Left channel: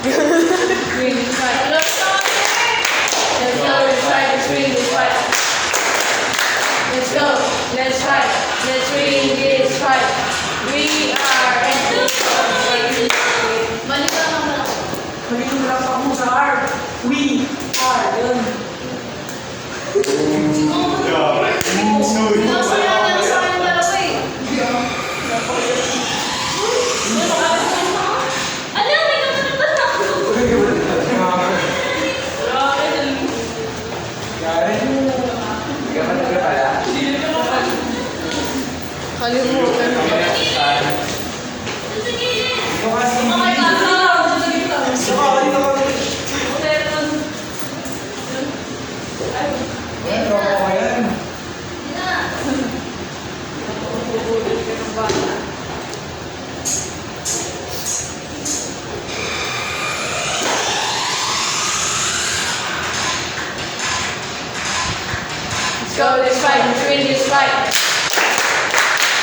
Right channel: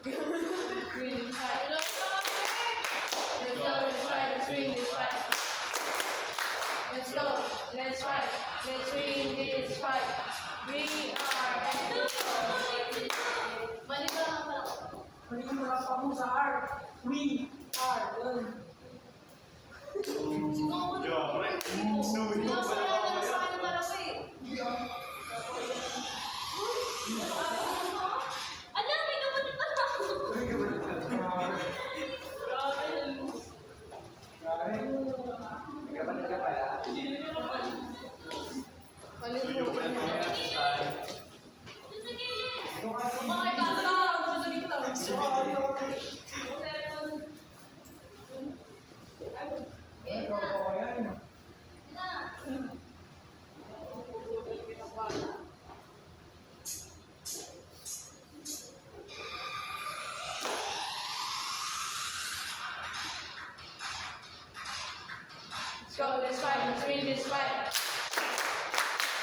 Green is right. Let's go, let's right. Green is right. Let's go, let's right. Let's green is right. We are Balik ka naman. Balik mo lang ako sa R. We are. Yun. Kalimutan mo. Let's go, let's fight, let's win this fight.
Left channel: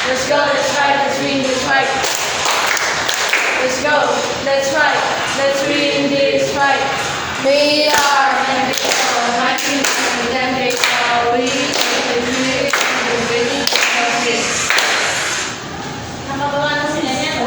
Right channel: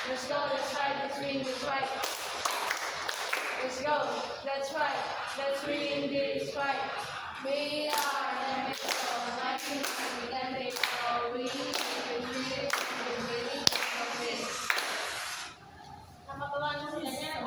Let's go, let's fight, let's win this fight. Let's go, let's fight, let's win this fight. We are unbeatable, my team is unbeatable. We are Nakagawa na sila niya.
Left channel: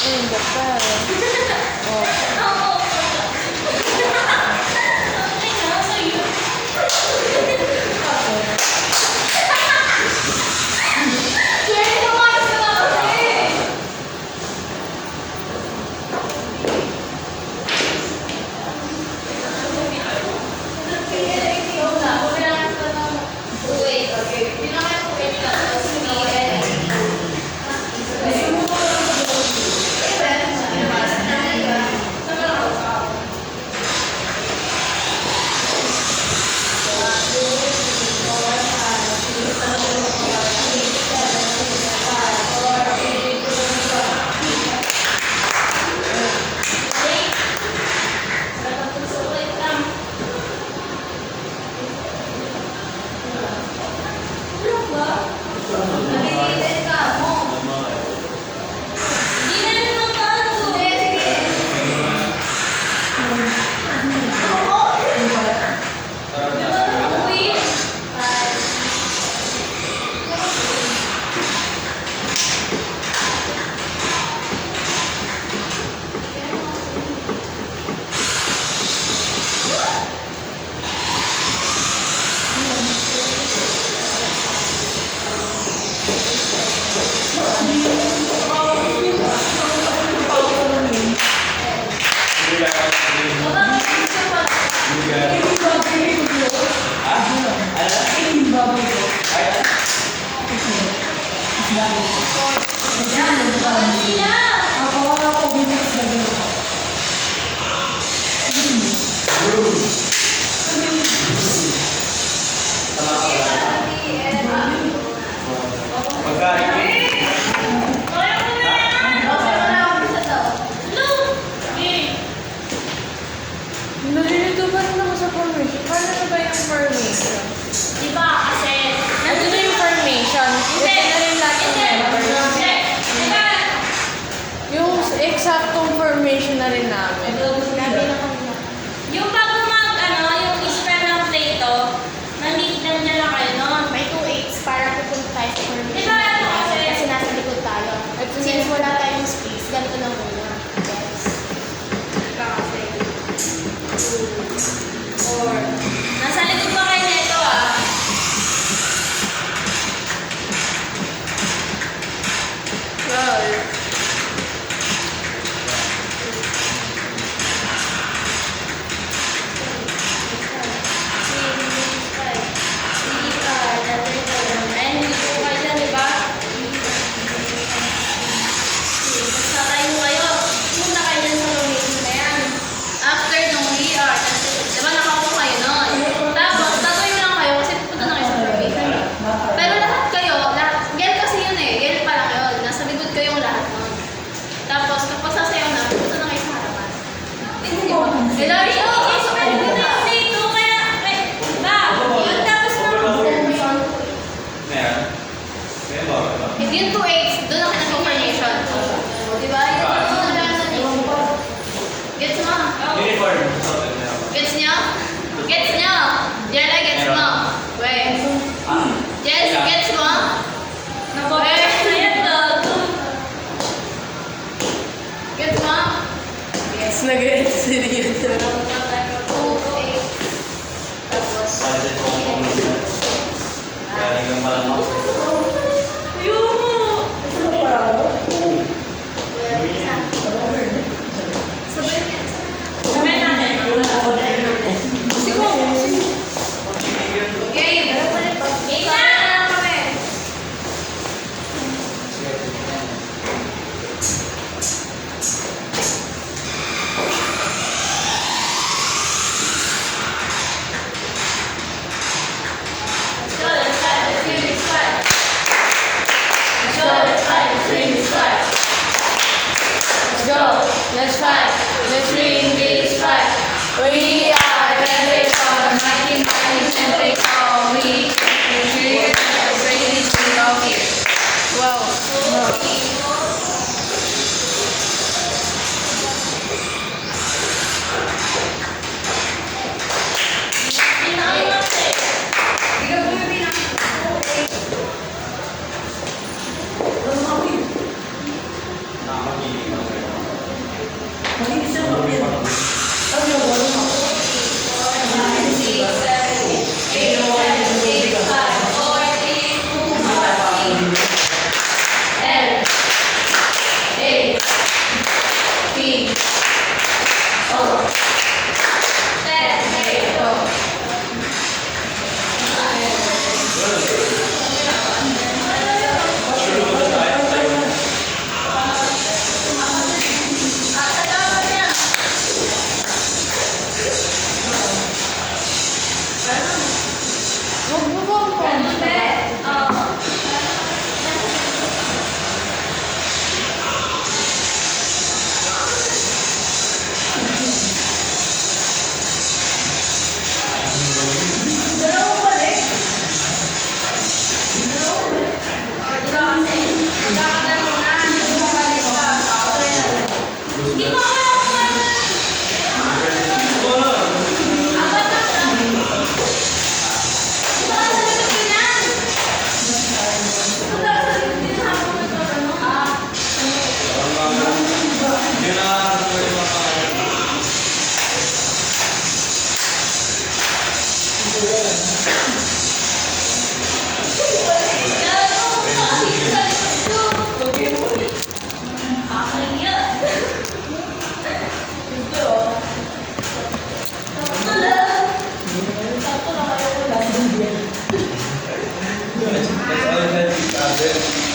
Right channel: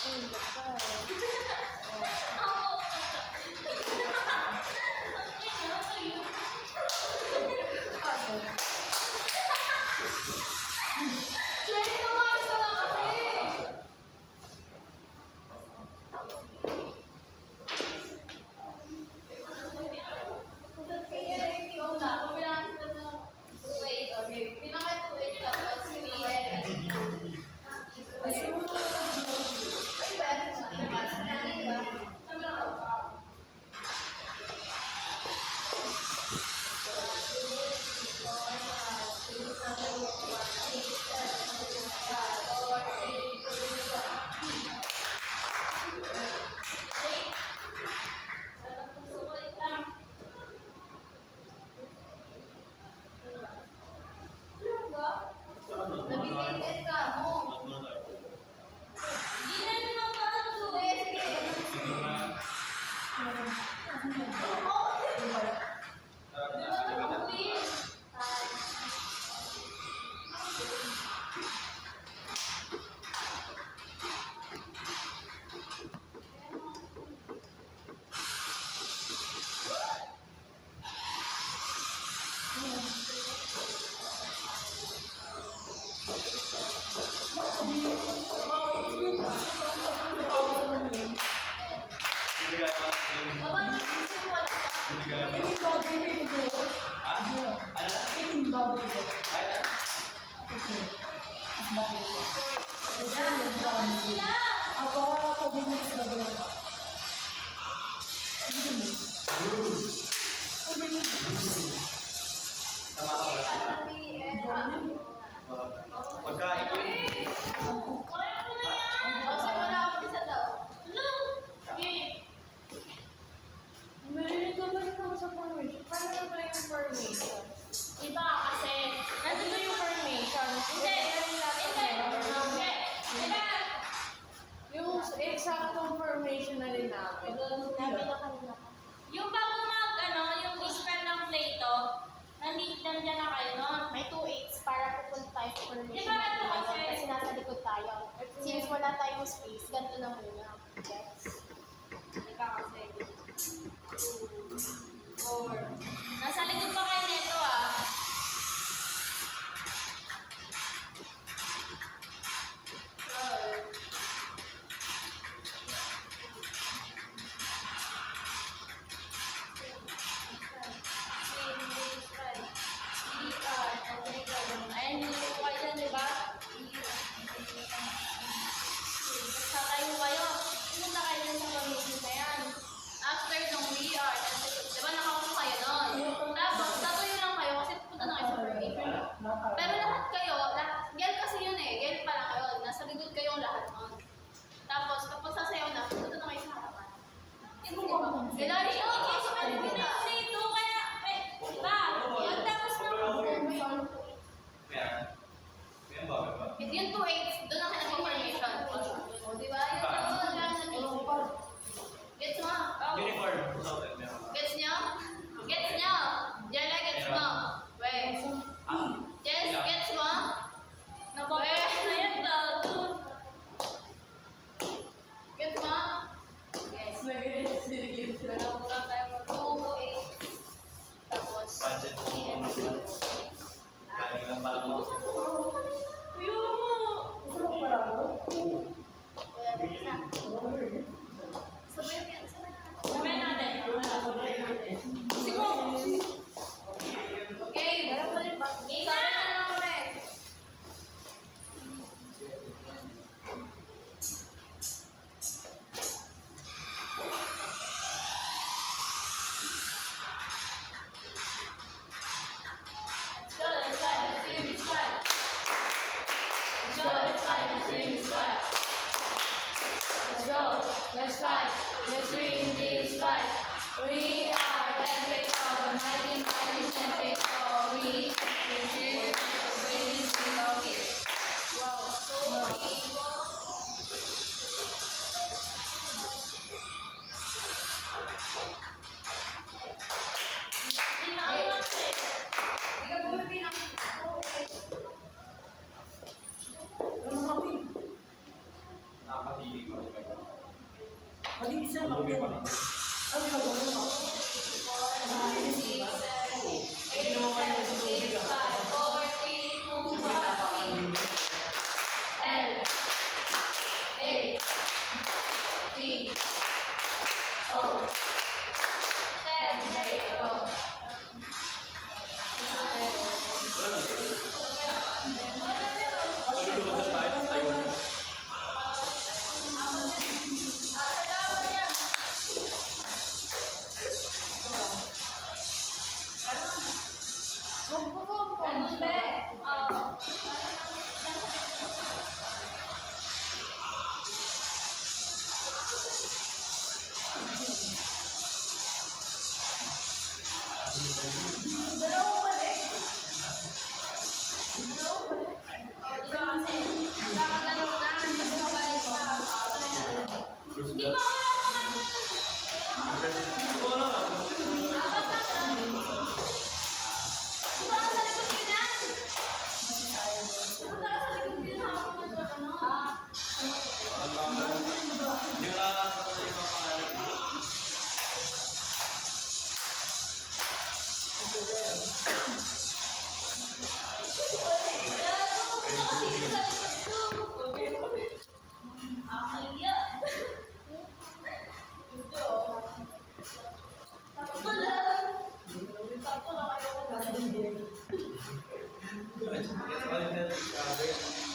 In the Ako bilis na yun. Nalilito pa rin ako sa formation. Paano na ba yung formation? Diba kasi, Ano na yung formation? Hindi. Ito na rin lahat ng members. Diba? Yung eksaktong formation na rin namin. Yung bago yung spell ng Plato, nandiyan lang kayo nun. May 2/8 para pupunta tayo sa formation. Diba ano kasi? Kasi nasa likod tayo. Since wala tayong space, ganito lang muna. Yes. Diba kasi? 4. Nasa likod pa kayo nito ah. Well, Tapos, kapag sasayaw na, pupunta na kayo sa harapan. Hindi yung 2/8, doon ako nag-confirmation. Diba? Yung gets mo? Gets nyo? Gets nyo? Jella, gets mo? Wait. Jess, gets mo? Ayan to. Gets mo? yes, nag-experience. 2/8. Tapos, Let's fight. Let's win this fight. We are the great of 1990s and they call me. We're the greatest thing of here. Wow. Makinis siya, makinis. Ano yung wala mo? Huwag mo ba ang pants? That's all that